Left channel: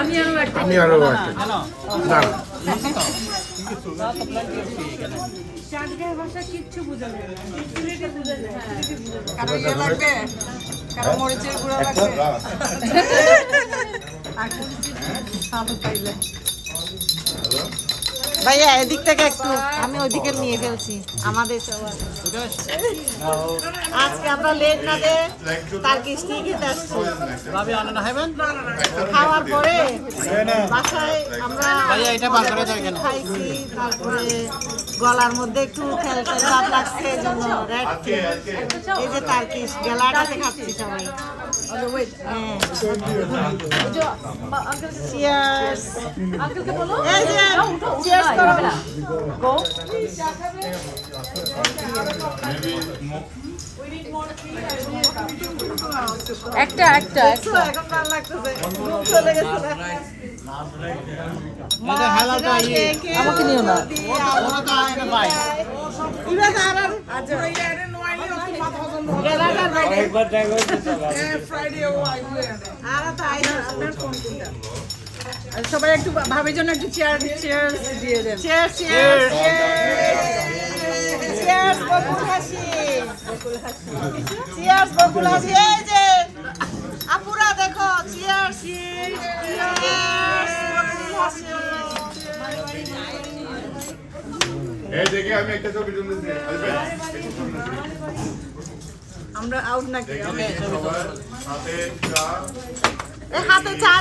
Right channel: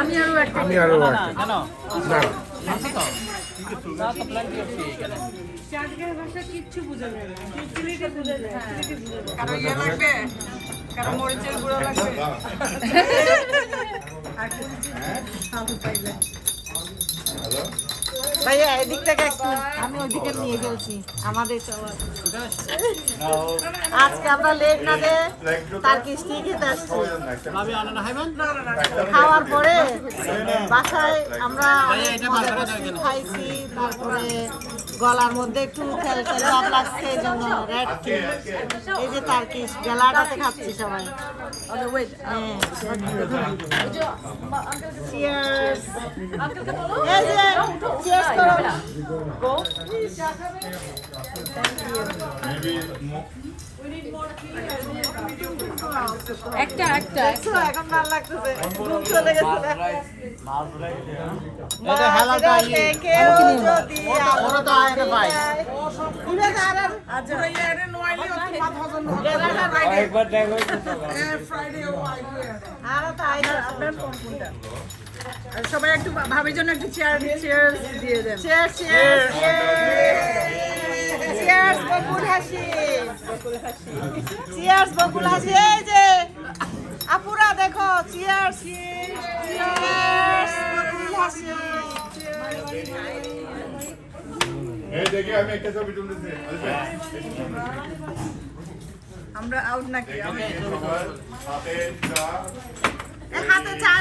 আমি আরো একটা না কিচ্ছু বুঝা যায় ভাইয়া এদিক থেকে একটু আমি ওইদিকে নিয়ে ফেলছি আমাদের আজকে আমরা লেট না দে তার কিস্তি খেতে আসছি খাওয়ার পরে বাসায় আমরা খাইছি তারপরে গলার মধ্যে একটু তেল তেল ভাব লাগছে এই জন্য রেড টি এই যে তারকিশ গেলাটাতে খাচ্ছি সবাই হ্যাঁ চিয়ার্স এই যে চিয়ার্স করো একটা একটা আমাকে নিও না সবাই একটু ভাবির জন্য একটু চেয়ার দিয়ে দেন চিয়ার্স বকুল হাসি চিয়ার্স বকুল হাসি এই যে আপুরা দেখো চিয়ার্স এই দেখি আমি একটা ছবি তুলতেছি আমরা আউট নাকি সবার হাতে চা হাতে চা